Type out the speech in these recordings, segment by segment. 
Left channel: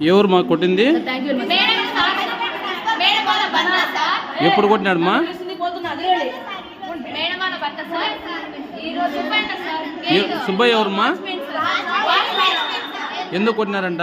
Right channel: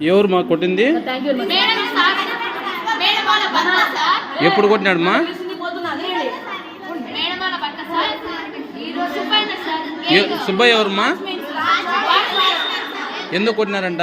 ఎవరు మా కొట్టింది? ఎప్పుడు కొట్టినాడమ్మా? సుబ్బయ్య ఎవరమ్మా? ఎందుకు కొట్టినారంట?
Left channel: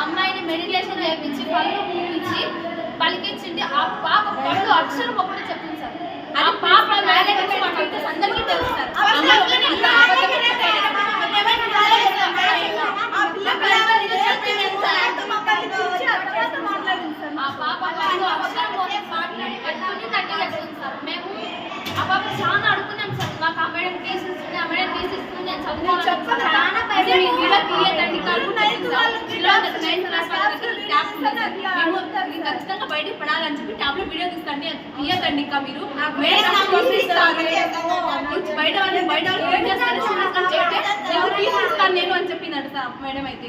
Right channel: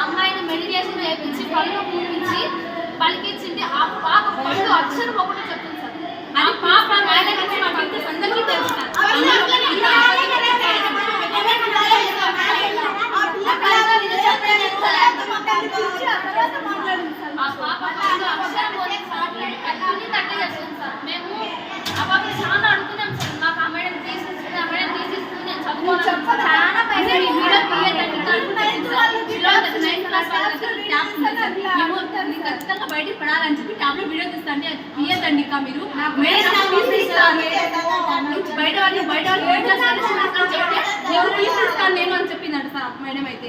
అమ్మాయిని మెడిటేషన్ చేయించి కళ్ళు పూపించి పలికించింది ఆ పాప పళ్ళు అక్షరం ఒకటి చెప్పింది చాలా అడుగుతున్నాం సార్ మాకు ఆ బయటికి పడాలని చెప్పి ట్యాబ్లెట్ వీడియో తీస్తండి తీయదండి ఇంకా మీరు బయట వాళ్ళు బయట వాళ్ళు చెప్తే నేను అని చెప్పిందంట సార్. మేడం అయితే.